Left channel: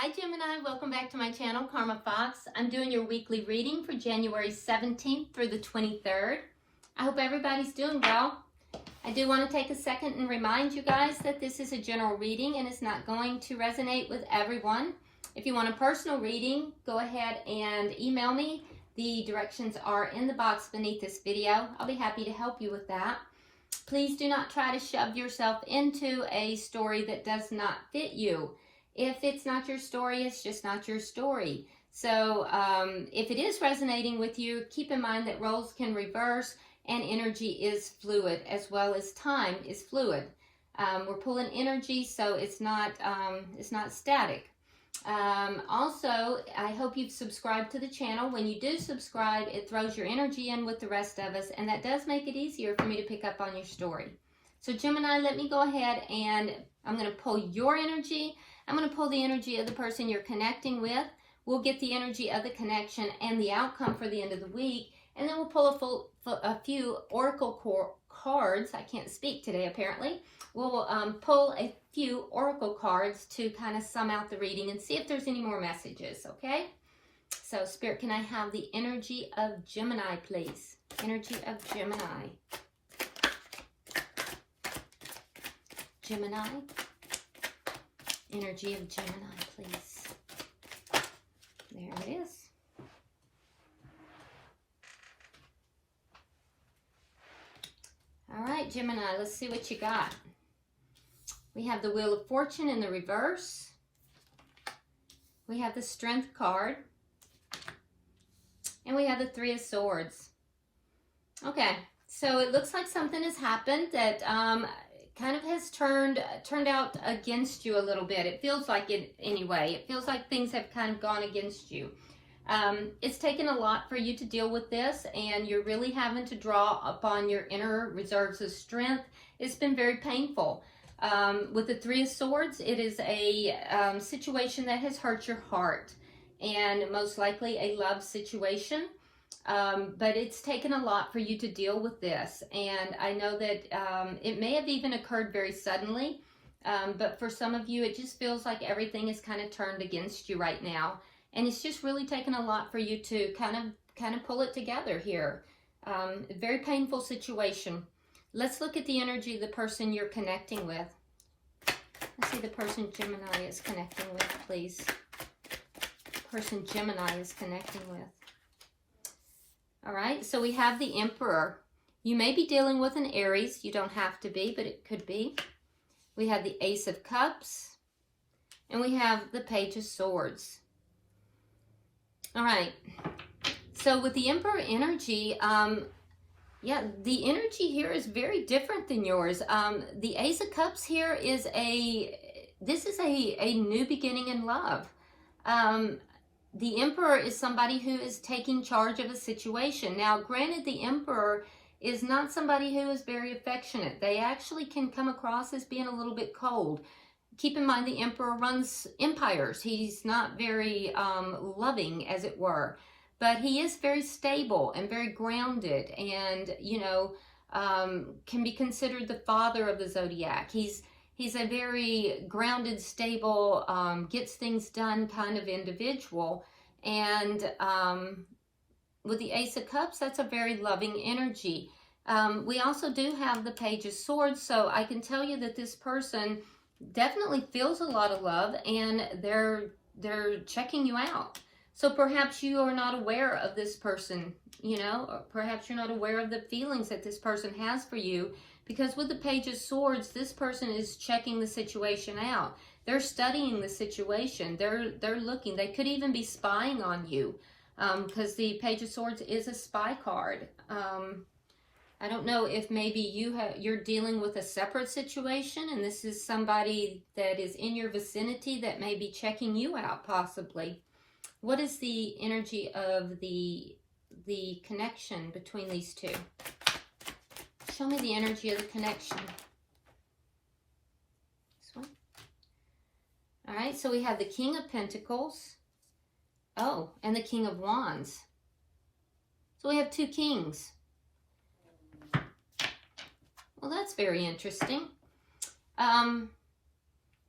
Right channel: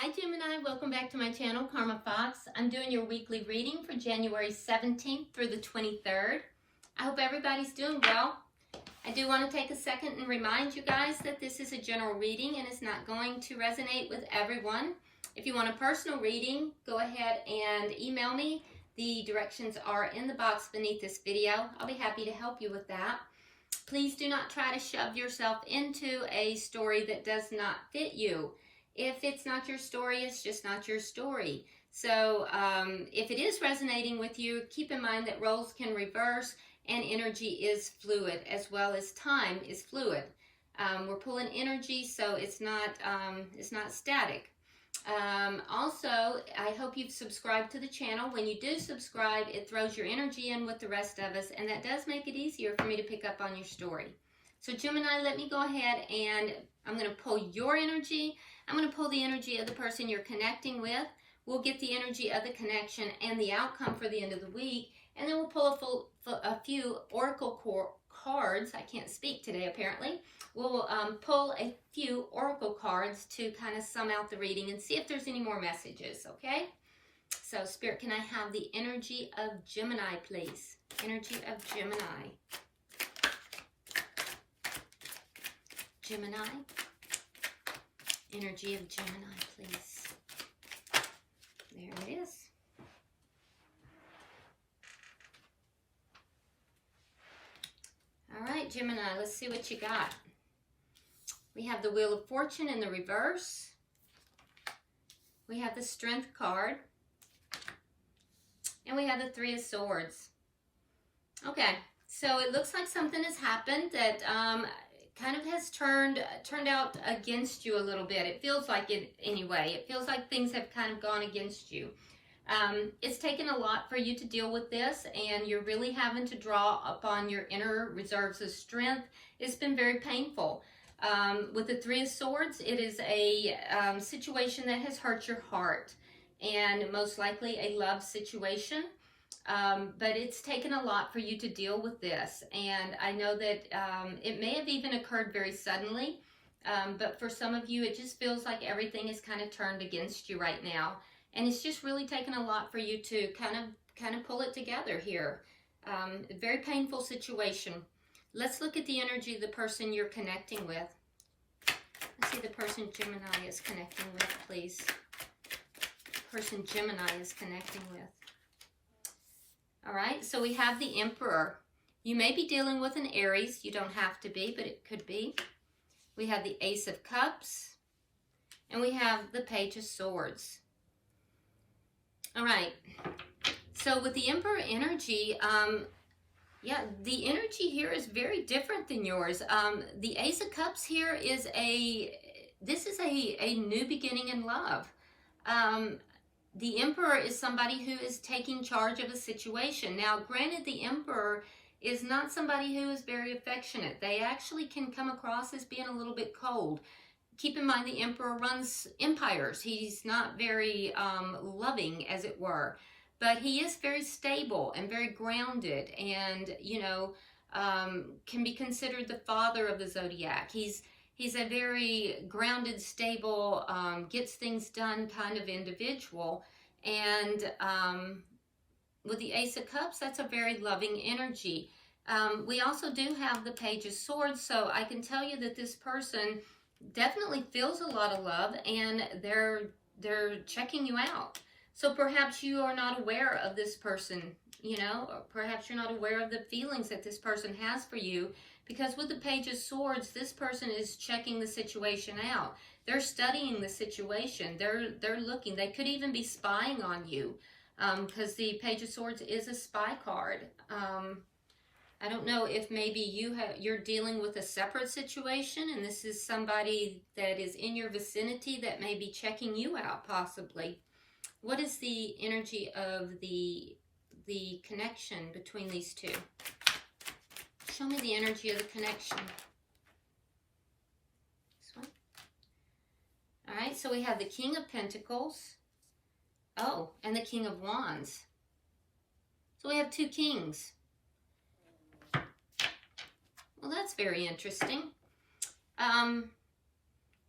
Hi Gemini, welcome back to my channel, Karma Fox. I'm doing your weekly reading for January 17th through the 23rd. I hope everybody's doing well. I do want to take a second and remind you guys that this is a general reading and it's not going to resonate with everyone. If you want a personal reading, go ahead and email me. The directions are in the box beneath this video. I'll be happy to help you with that. Please do not try to shove yourself into a story that does not fit you. If it's not your story, it's just not your story. So if it is resonating with you, keep in mind that roles can reverse and energy is fluid as well as time is fluid. We're pulling energy, so it's not static. Also, I hope you've subscribed to the channel. When you do subscribe, it throws your energy in with the rest of us, and that does make it easier for me to pick up on your story. So Gemini, let me go ahead and I'm going to pull your energy. I'm going to pull the energy of the person you're connecting with. We'll get the energy of the connection and the outcome for the end of the week. And then we'll pull a few oracle cards. I can't speak today, apparently. We'll pull a few oracle cards to kind of sum out the reading and see if there's any more messages, okay? So, Spirit, can I have the energy of Gemini, please? Energy of Gemini. Gemini. Energy of Gemini, please. There it is. All right, Gemini, let's see what you got. We have the Wheel of Fortune in the reverse. We have the Strength card. And we have the Three of Swords. Okay, so it looks like something has happened that kind of has turned out against you a little bit. It feels like it anyway. It feels like things have kind of gone against you. It's taken a lot for you to deal with this, and you're really having to draw upon your inner reserves of strength. It's been very painful. With the Three of Swords, it is a situation that has hurt your heart, and most likely a love situation. But it's taken a lot for you to deal with this, and I know that it may have even occurred very suddenly, but for some of you it just feels like everything is kind of turned against you right now, and it's just really taken a lot for you to kind of pull it together here. A very painful situation. Let's look at the energy of the person you're connecting with. Let's see the person Gemini is connecting with, please. The person Gemini is connecting with. All right, so we have the Emperor. You may be dealing with an Aries. You don't have to be, but it could be. We have the Ace of Cups. And we have the Page of Swords. All right, so with the Emperor energy, yeah, the energy here is very different than yours. The Ace of Cups here is this is a new beginning in love. The Emperor is somebody who is taking charge of a situation. Now, granted, the Emperor is not somebody who is very affectionate. They actually can come across as being a little bit cold. Keep in mind, the Emperor runs empires. He's not very loving, as it were. But he is very stable and very grounded and, you know, can be considered the father of the zodiac. He's a very grounded, stable, gets things done kind of individual. And with the Ace of Cups, that's a very loving energy. We also do have the Page of Swords, so I can tell you that this person definitely feels a lot of love, and they're checking you out. So perhaps you are not aware of this person, you know, perhaps you're not aware of the feelings that this person has for you, because with the Page of Swords, this person is checking the situation out. They're studying the situation. They're looking. They could even be spying on you, because the Page of Swords is a spy card. I don't know if maybe you're dealing with a separate situation, and this is somebody that is in your vicinity that may be checking you out, possibly. What is the energy of the connection between these two? Show me the energy of the connection. This one. All right, so we have the King of Pentacles. Oh, and the King of Wands. So we have two kings. Well, that's very interesting.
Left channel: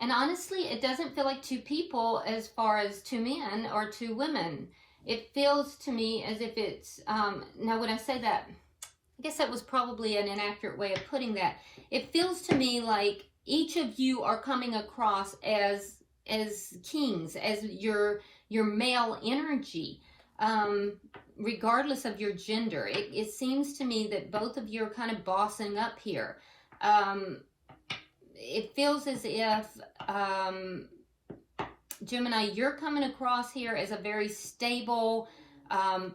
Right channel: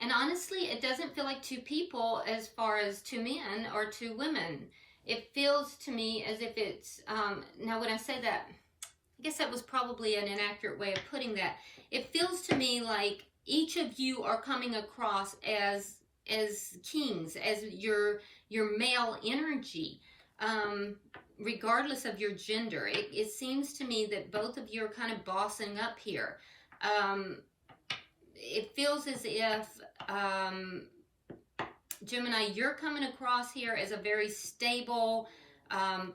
And honestly, it doesn't feel like two people as far as two men or two women. It feels to me as if it's, now when I say that, I guess that was probably an inaccurate way of putting that. It feels to me like each of you are coming across as kings, as your male energy, regardless of your gender. It seems to me that both of you are kind of bossing up here. It feels as if, Gemini, you're coming across here as a very stable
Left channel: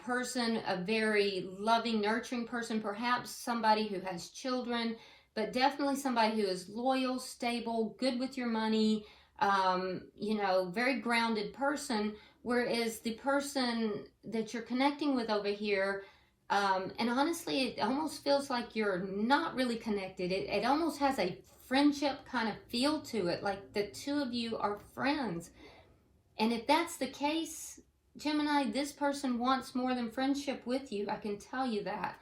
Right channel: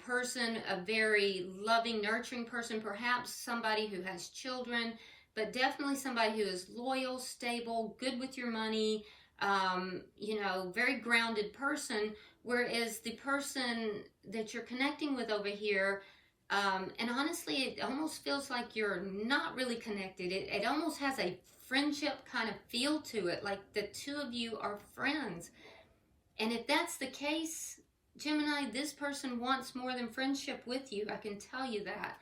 person, a very loving, nurturing person, perhaps somebody who has children, but definitely somebody who is loyal, stable, good with your money, you know, very grounded person, whereas the person that you're connecting with over here, and honestly, it almost feels like you're not really connected. It almost has a friendship kind of feel to it, like the two of you are friends. And if that's the case, Gemini, this person wants more than friendship with you. I can tell you that.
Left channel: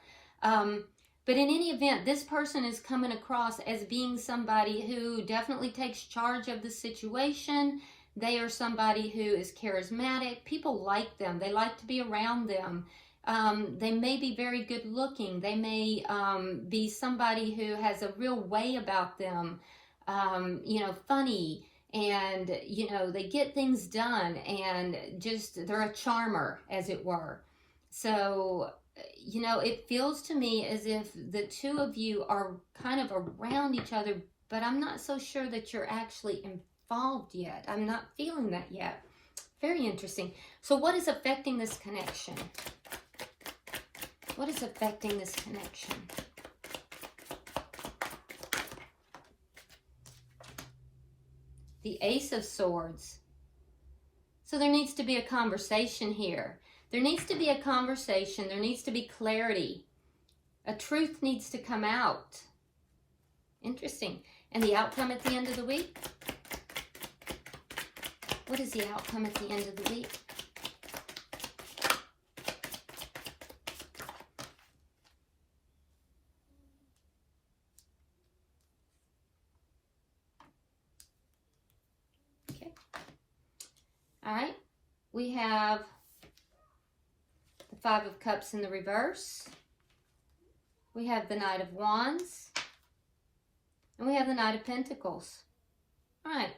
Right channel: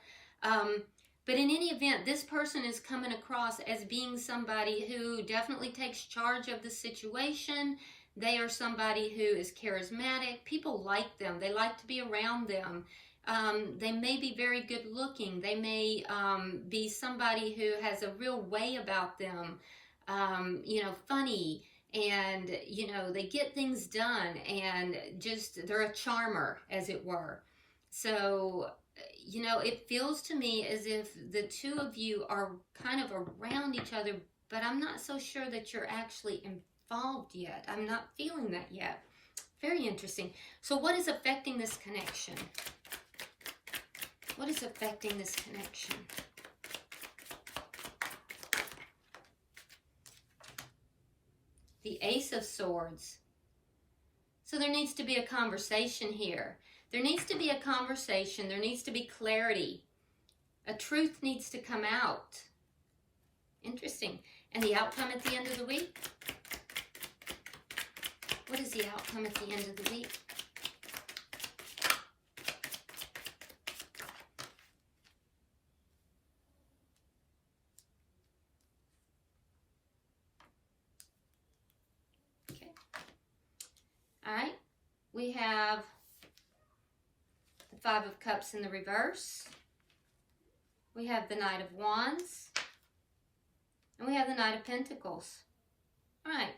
But in any event, this person is coming across as being somebody who definitely takes charge of the situation. They are somebody who is charismatic. People like them. They like to be around them. They may be very good looking. They may be somebody who has a real way about them, you know, funny, and, you know, they get things done, and just, they're a charmer, as it were. So, you know, it feels to me as if the two of you are kind of around each other, but I'm not so sure that you're actually involved yet. I'm not feeling that yet. Very interesting. So what is affecting this connection? What is affecting this connection? The Ace of Swords. So there needs to be a conversation here. There needs to be a conversation. There needs to be clarity. A truth needs to come out. Interesting. And the outcome at the end of the week? What is the outcome at the end of the week? All right, we have the Five of Cups in the reverse. We have the Knight of Wands. And we have the Knight of Pentacles. All right,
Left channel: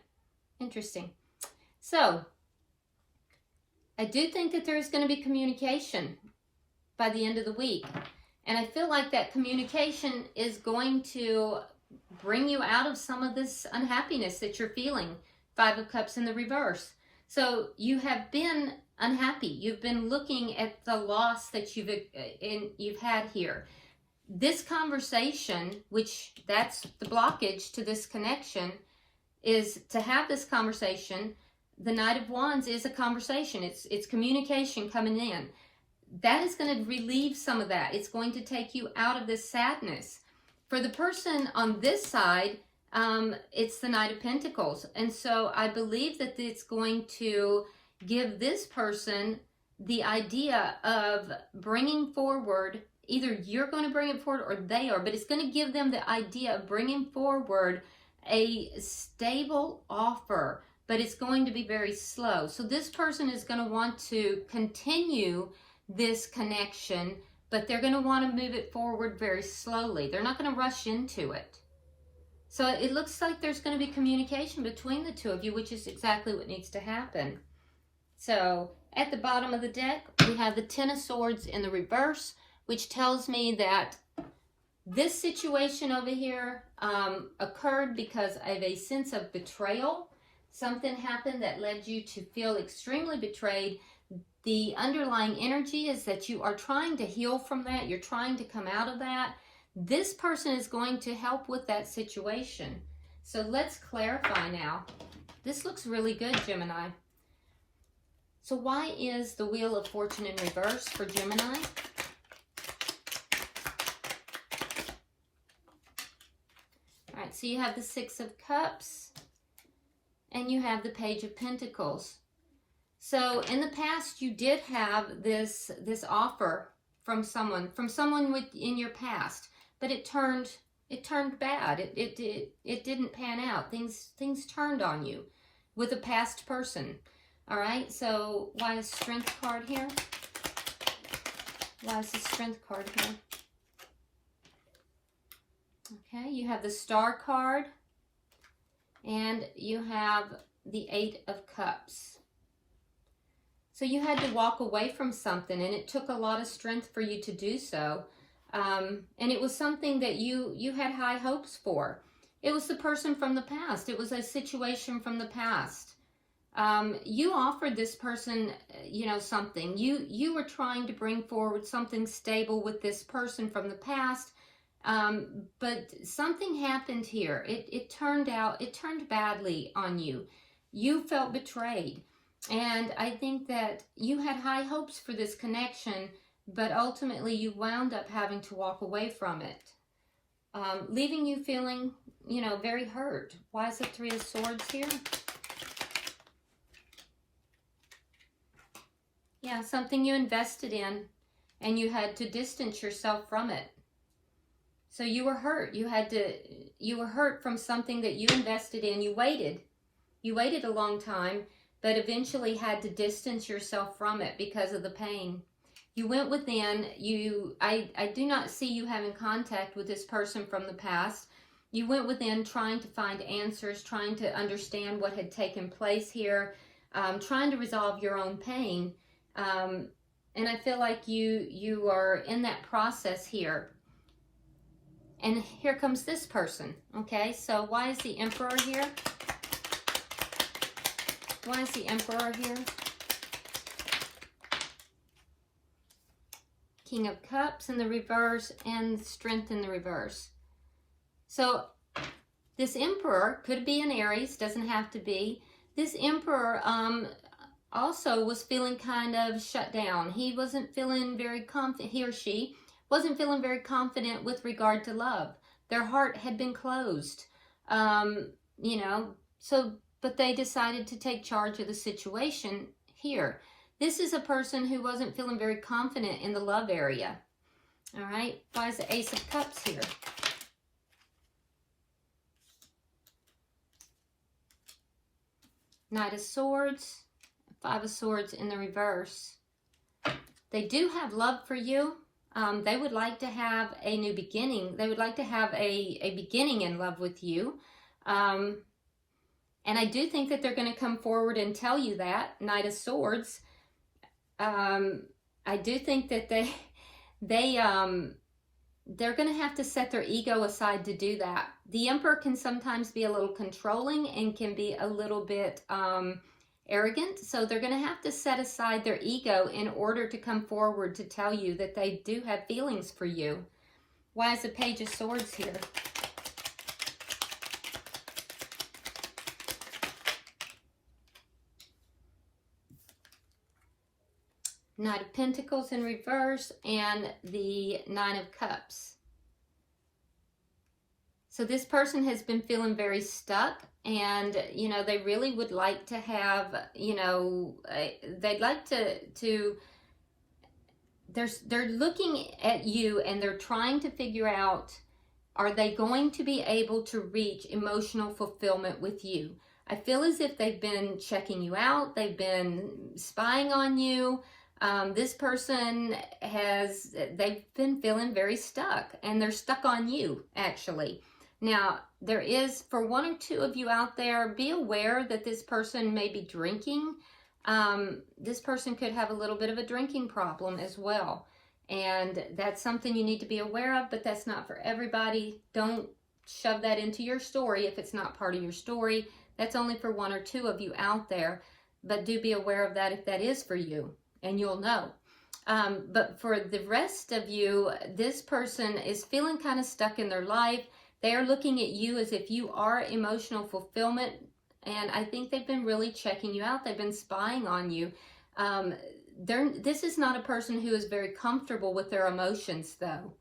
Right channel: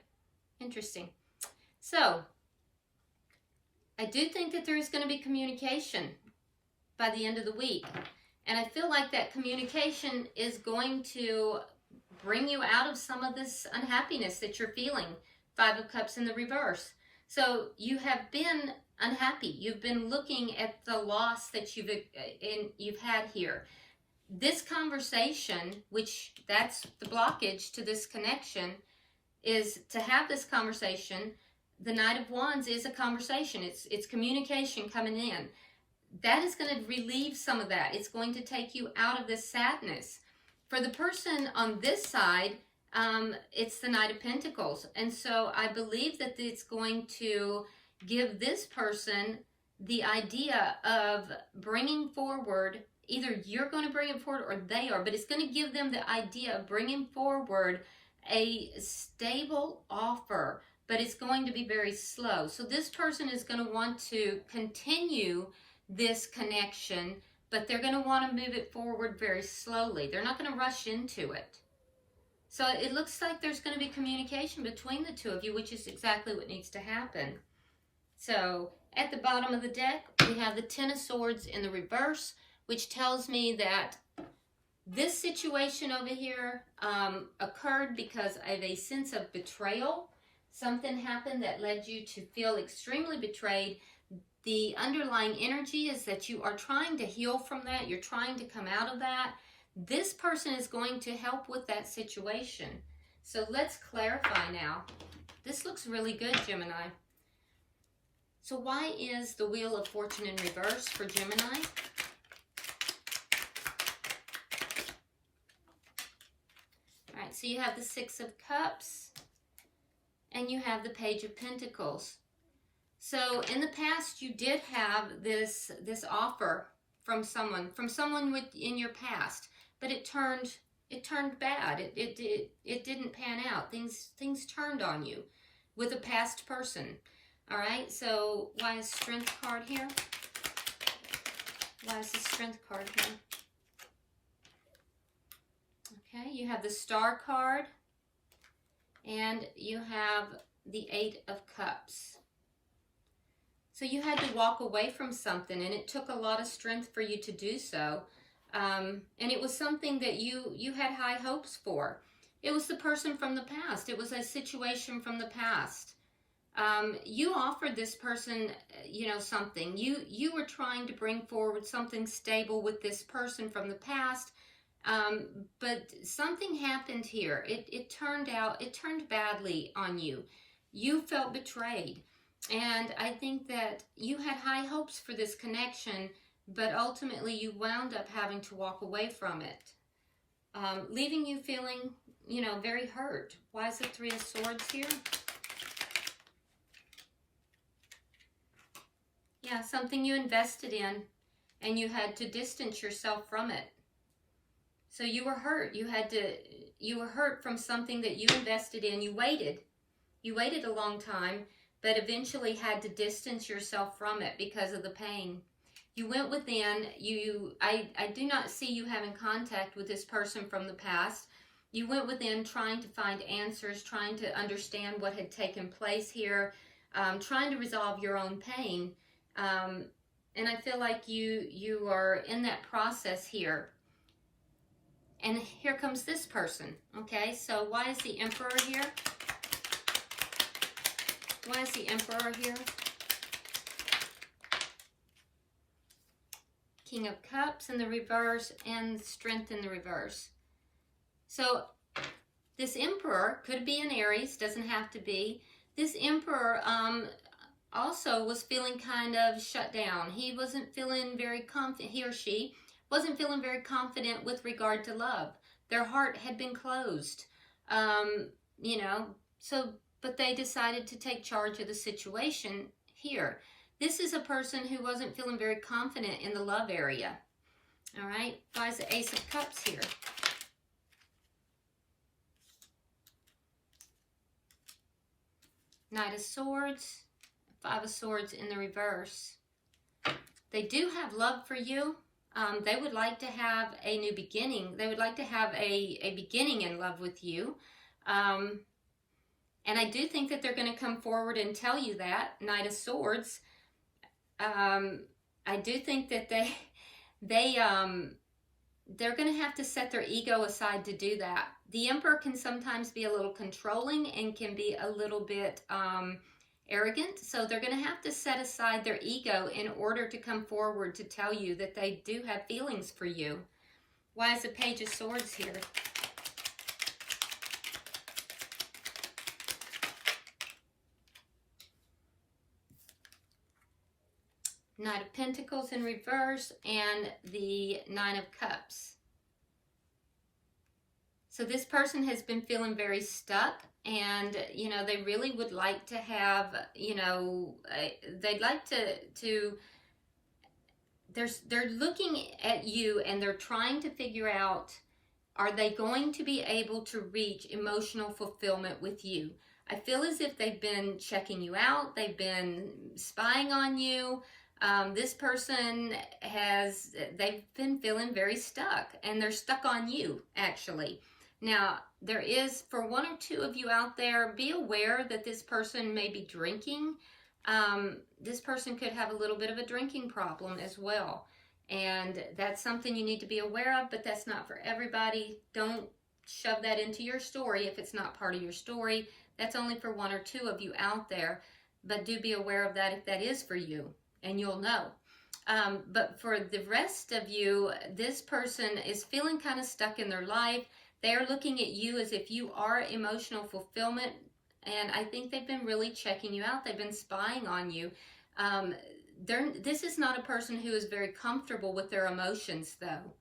interesting. So, I do think that there's going to be communication by the end of the week. And I feel like that communication is going to bring you out of some of this unhappiness that you're feeling. Five of Cups in the reverse. So you have been unhappy. You've been looking at the loss that you've had here. This conversation, which that's the blockage to this connection, is to have this conversation. The Knight of Wands is a conversation. It's communication coming in. That is going to relieve some of that. It's going to take you out of this sadness. For the person on this side, it's the Knight of Pentacles. And so I believe that it's going to give this person the idea of bringing forward, either you're going to bring it forward or they are, but it's going to give them the idea of bringing forward a stable offer, but it's going to be very slow. So this person is going to want to continue this connection, but they're going to want to move it forward very slowly. They're not going to rush into it. So it looks like there's going to be communication between the two of you, which is exactly what needs to happen. So at the bottom of the deck, we have the Ten of Swords in the reverse, which tells me that this situation over here occurred because of a sense of betrayal. Something happened that led you to feel extremely betrayed. The underlying energy is that you are trying to heal from that. You're trying to come out of that. This person is going to help with that situation. So let's clarify now. This looks really good, Gemini. So why is the Wheel of Fortune in reverse for Gemini? All right, so you have the Six of Cups and you have the Page of Pentacles. So in the past, you did have this offer from someone in your past. But it turned it turned bad. It didn't pan out. Things turned on you with a past person. All right, so why is Strength card here? Why is the Strength card here? Okay, you have the Star card, and you have the 8 of Cups. So you had to walk away from something, and it took a lot of strength for you to do so. And it was something that you had high hopes for. It was the person from the past. It was a situation from the past. You offered this person, you know, something. You were trying to bring forward something stable with this person from the past. But something happened here. It turned badly on you. You felt betrayed. And I think that you had high hopes for this connection, but ultimately you wound up having to walk away from it, leaving you feeling, you know, very hurt. Why is the 3 of Swords here? Yeah, something you invested in, and you had to distance yourself from it. So you were hurt. You were hurt from something that you invested in. You waited a long time, but eventually had to distance yourself from it because of the pain. You went within. I do not see you having contact with this person from the past. You went within trying to find answers, trying to understand what had taken place here, trying to resolve your own pain. And I feel like you are in that process here. And here comes this person. Okay, so why is the Emperor here? Why is the Emperor here? King of Cups in the reverse and Strength in the reverse. So this Emperor could be an Aries, doesn't have to be. This Emperor also was feeling kind of shut down. He wasn't feeling very confident, he or she wasn't feeling very confident with regard to love. Their heart had been closed, you know, but they decided to take charge of the situation here. This is a person who wasn't feeling very confident in the love area. All right, why is the Ace of Cups here? Knight of Swords, 5 of Swords in the reverse. They do have love for you. They would like to have a new beginning. They would like to have a beginning in love with you. And I do think that they're going to come forward and tell you that, Knight of Swords. I do think that they're going to have to set their ego aside to do that. The Emperor can sometimes be a little controlling and can be a little bit arrogant. So they're going to have to set aside their ego in order to come forward to tell you that they do have feelings for you. Why is the Page of Swords here? Knight of Pentacles in reverse and the 9 of Cups. So this person has been feeling very stuck, and, you know, they really would like to have, you know, they'd like to they're looking at you and they're trying to figure out, are they going to be able to reach emotional fulfillment with you? I feel as if they've been checking you out. They've been spying on you. This person they've been feeling very stuck, and they're stuck on you, actually. Now, there is, for 1 or 2 of you out there, be aware that this person may be drinking. This person could have a little bit of a drinking problem as well. And that's something you need to be aware of, but that's not for everybody. Don't shove that into your story if it's not part of your story. That's only for 1 or 2 of you out there, but do be aware of that if that is for you, and you'll know. But for the rest of you, this person is feeling kind of stuck in their life. They are looking at you as if you are emotional fulfillment, and I think they've been really checking you out. They've been spying on you. This is not a person who is very comfortable with their emotions, though.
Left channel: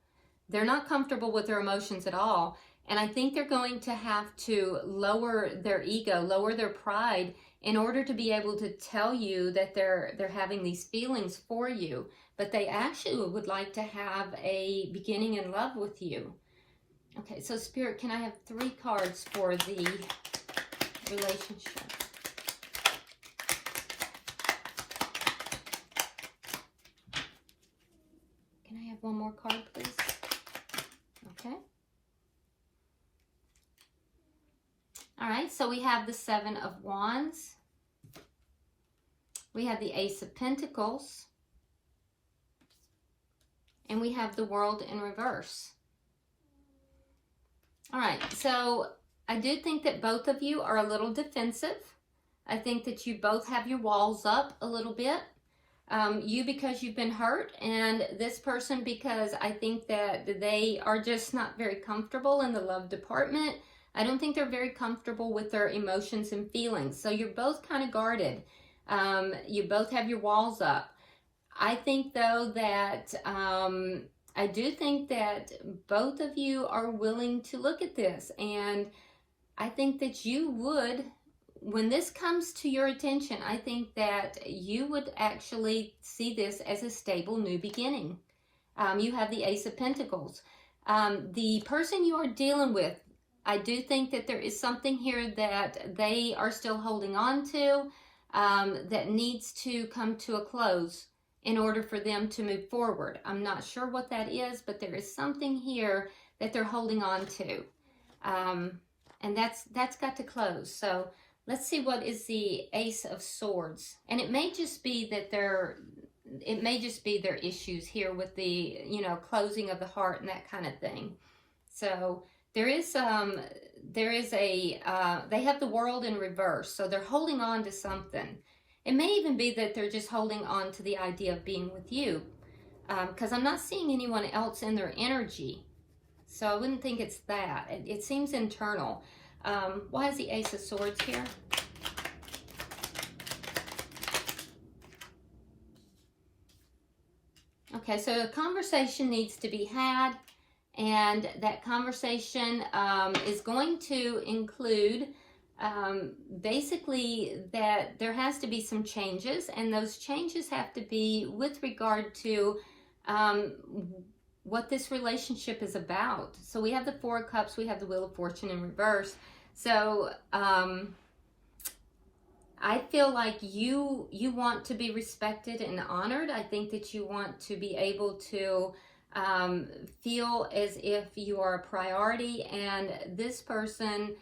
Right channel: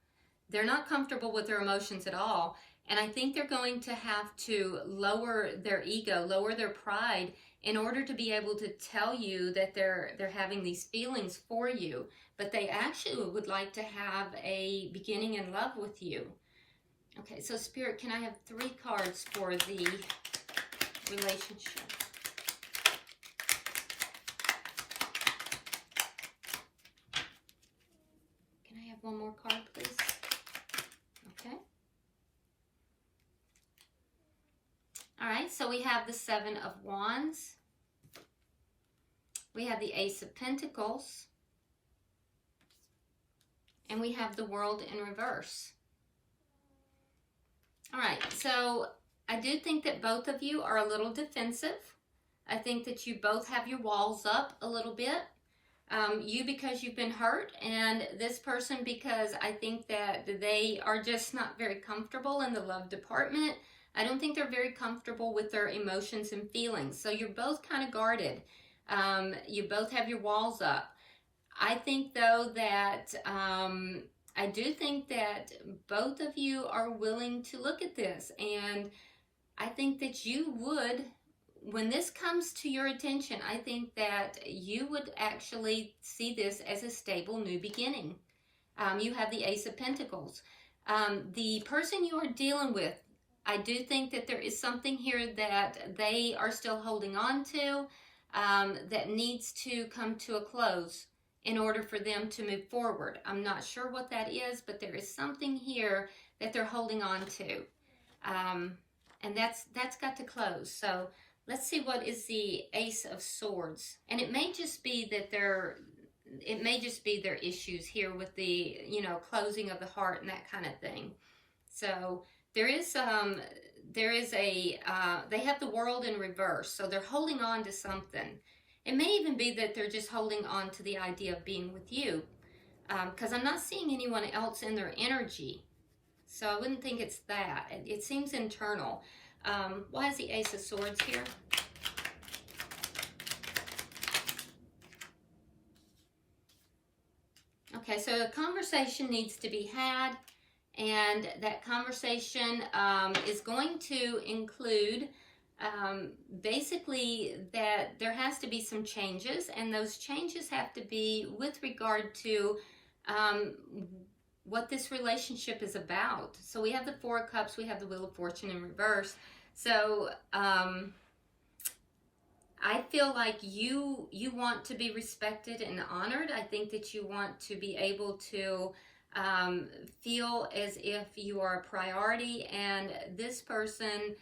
They're not comfortable with their emotions at all, and I think they're going to have to lower their ego, lower their pride, in order to be able to tell you that they're having these feelings for you. But they actually would like to have a beginning in love with you. Okay, so Spirit, can I have 3 cards for the relationship? Can I have one more card, please? Okay. All right, so we have the 7 of Wands. We have the Ace of Pentacles. And we have the World in reverse. All right, so I do think that both of you are a little defensive. I think that you both have your walls up a little bit. You because you've been hurt, and this person because I think that they are just not very comfortable in the love department. I don't think they're very comfortable with their emotions and feelings. So you're both kind of guarded. You both have your walls up. I think though that I do think that both of you are willing to look at this, and I think that you would, when this comes to your attention, I think that you would actually see this as a stable new beginning. You have the Ace of Pentacles. The person you are dealing with, I do think that there is something here that they are still holding on to that needs to come to a close in order for them to move forward. I'm not sure what that is, but there is something here that they're holding on to. And that's got to close. So let's see what is the Ace of Swords. And it may just be that their issues here with the, closing of the heart and that kind of thing. So they have the World in reverse. So they're holding on to something. It may even be that they're just holding on to the idea of being with you, because I'm not seeing anyone else in their energy. So I wouldn't think it's that. It seems internal. Why is the Ace of Swords here? Okay, so a conversation needs to be had, and that conversation is going to include basically that there has to be some changes, and those changes have to be with regard to what this relationship is about. So we have the 4 of Cups, we have the Wheel of Fortune in reverse. So I feel like you want to be respected and honored. I think that you want to be able to feel as if you are a priority, and this person's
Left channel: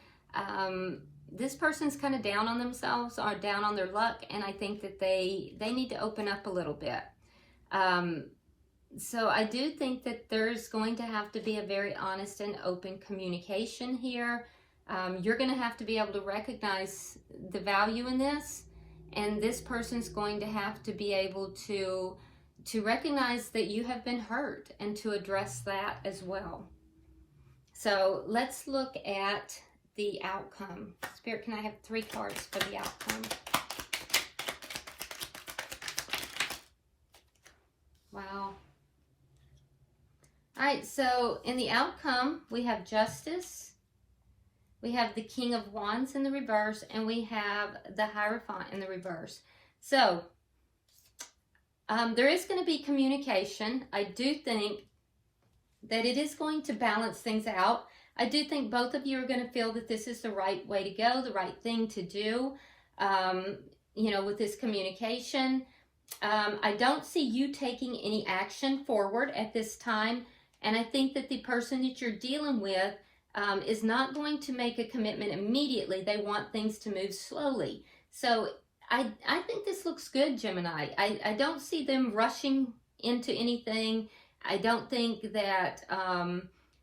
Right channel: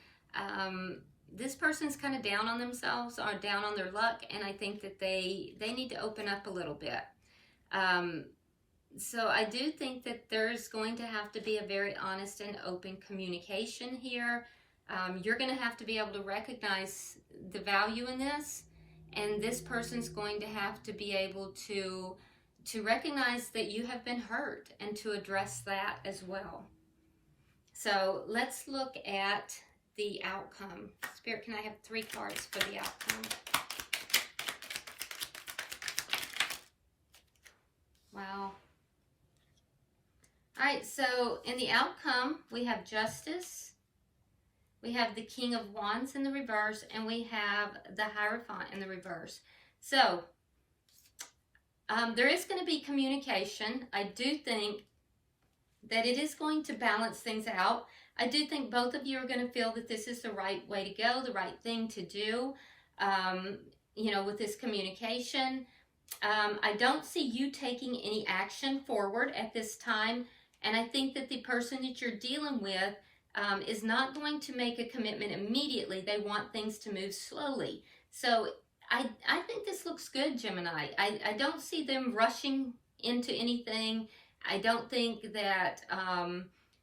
kind of down on themselves or down on their luck, and I think that they need to open up a little bit. So I do think that there's going to have to be a very honest and open communication here. You're going to have to be able to recognize the value in this, and this person's going to have to be able to recognize that you have been hurt and to address that as well. So let's look at the outcome. Spirit, can I have 3 cards for the outcome? Wow. All right, so in the outcome, we have Justice, we have the King of Wands in the reverse, and we have the Hierophant in the reverse. So there is going to be communication. I do think that it is going to balance things out. I do think both of you are going to feel that this is the right way to go, the right thing to do, with this communication. I don't see you taking any action forward at this time, and I think that the person that you're dealing with is not going to make a commitment immediately. They want things to move slowly. So I think this looks good, Gemini. I don't see them rushing into anything. I don't think that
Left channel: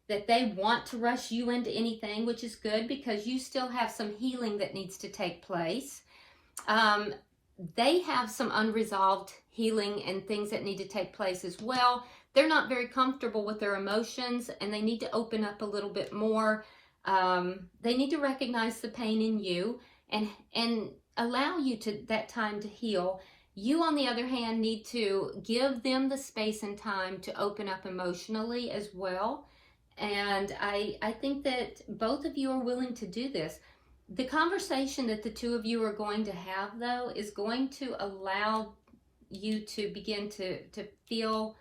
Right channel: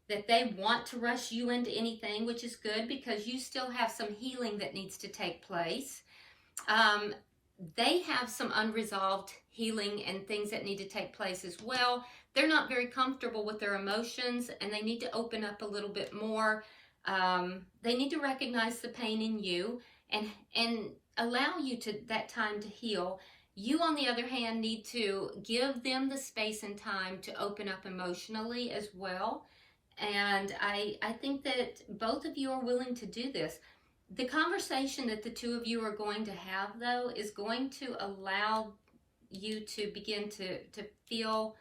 that they want to rush you into anything, which is good because you still have some healing that needs to take place. They have some unresolved healing and things that need to take place as well. They're not very comfortable with their emotions, and they need to open up a little bit more. They need to recognize the pain in you and allow you to that time to heal. You, on the other hand, need to give them the space and time to open up emotionally as well. And I think that both of you are willing to do this. The conversation that the two of you are going to have, though, is going to allow you to begin to feel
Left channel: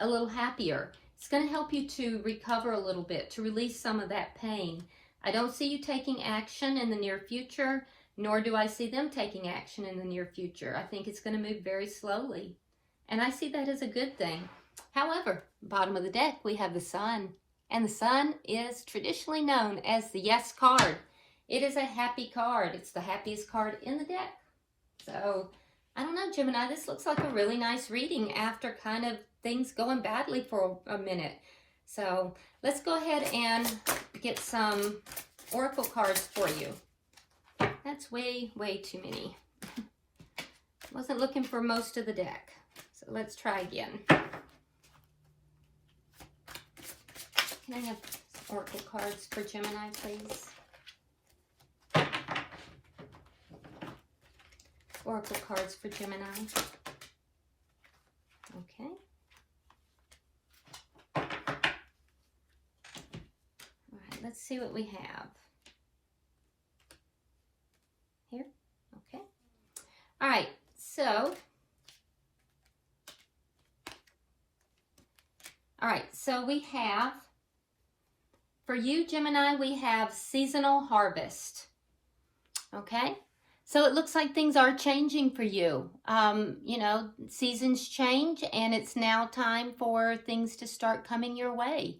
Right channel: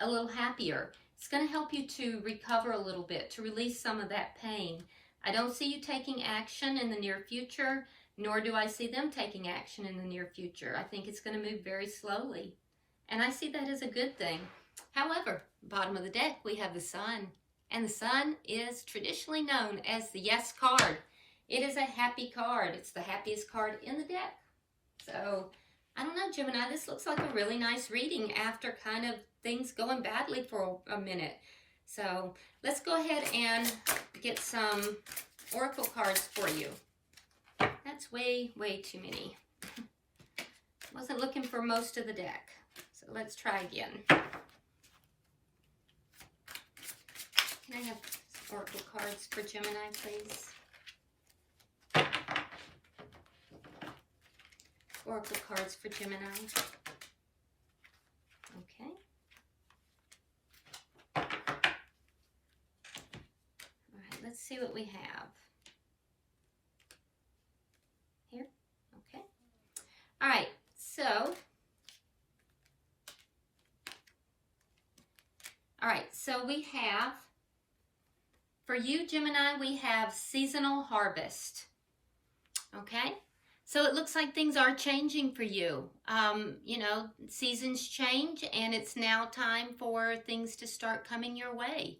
a little happier. It's going to help you to recover a little bit, to release some of that pain. I don't see you taking action in the near future, nor do I see them taking action in the near future. I think it's going to move very slowly, and I see that as a good thing. However, bottom of the deck, we have the Sun, and the Sun is traditionally known as the Yes card. It is a happy card. It's the happiest card in the deck. So, I don't know, Gemini, this looks like a really nice reading after kind of things going badly for a minute. So, let's go ahead and get some oracle cards for you. That's way, way too many. Wasn't looking for most of the deck. So, let's try again. Can I have oracle cards for Gemini, please? Oracle cards for Gemini. Okay. All right, let's see what we have. Here? Okay. All right, so we have, for you, Gemini, we have seasonal harvest. Okay? So it looks like things are changing for you. You know, seasons change, and it's now time for things to start coming your way.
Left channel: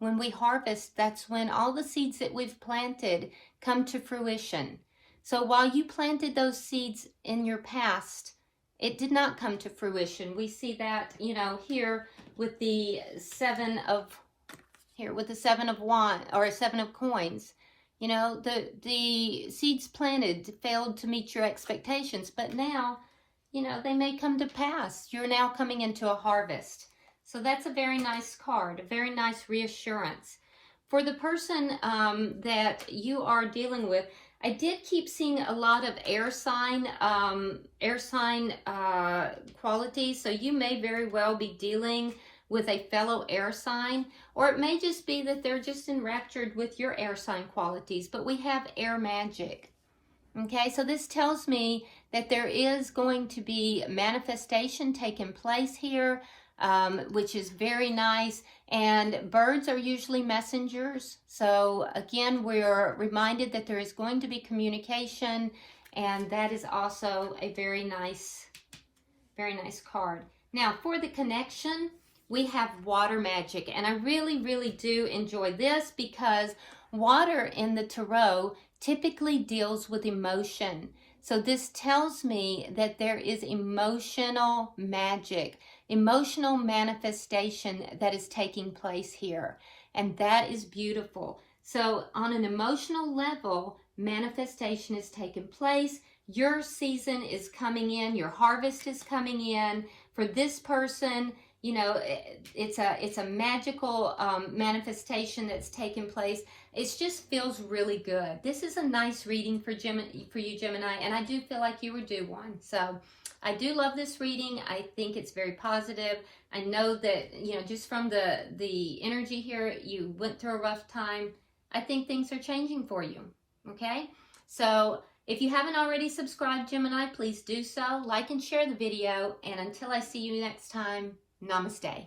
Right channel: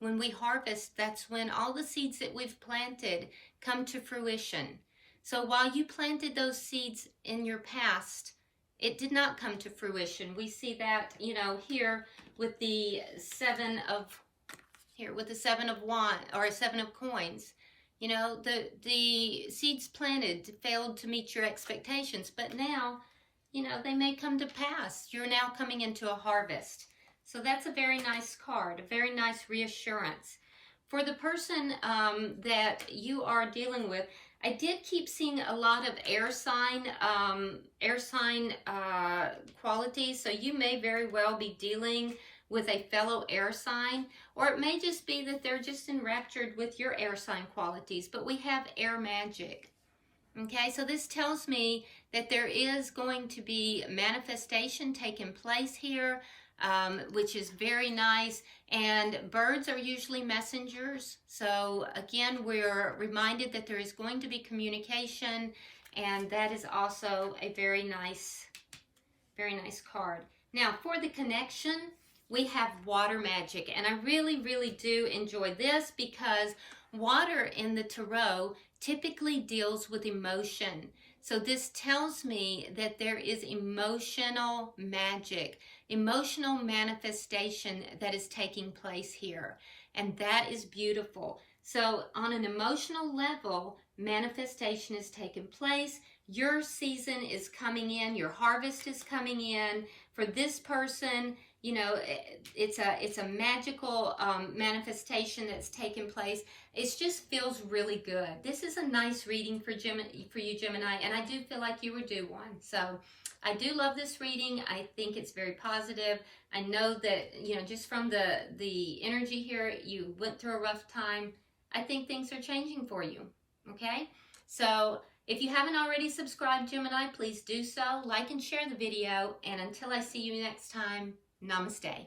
When we harvest, that's when all the seeds that we've planted come to fruition. So while you planted those seeds in your past, it did not come to fruition. We see that, you know, here with the Seven of Wands, or Seven of Coins. You know, the seeds planted failed to meet your expectations, but now, you know, they may come to pass. You're now coming into a harvest. So that's a very nice card, a very nice reassurance. For the person that you are dealing with, I did keep seeing a lot of air sign qualities. So you may very well be dealing with a fellow air sign, or it may just be that they're just enraptured with your air sign qualities, but we have air magic. Okay, so this tells me that there is going to be manifestation taking place here, which is very nice, and birds are usually messengers. So again, we're reminded that there is going to be communication, and that is also a very nice card. Now, for the connection, we have water magic, and I really, really do enjoy this because water in the tarot typically deals with emotion. So this tells me that there is emotional magic, emotional manifestation that is taking place here, and that is beautiful. So on an emotional level, manifestation is taking place. Your season is coming in, your harvest is coming in. For this person, you know, it's a magical manifestation that's taken place. It just feels really good. This is a nice reading for you, Gemini, and I do feel like you were due one. So I do love this reading. I think it's very positive. I know that, you know, just from the energy here, you went through a rough time. I think things are changing for you, okay? So if you haven't already subscribed, Gemini, please do so. Like and share the video, and until I see you next time, namaste.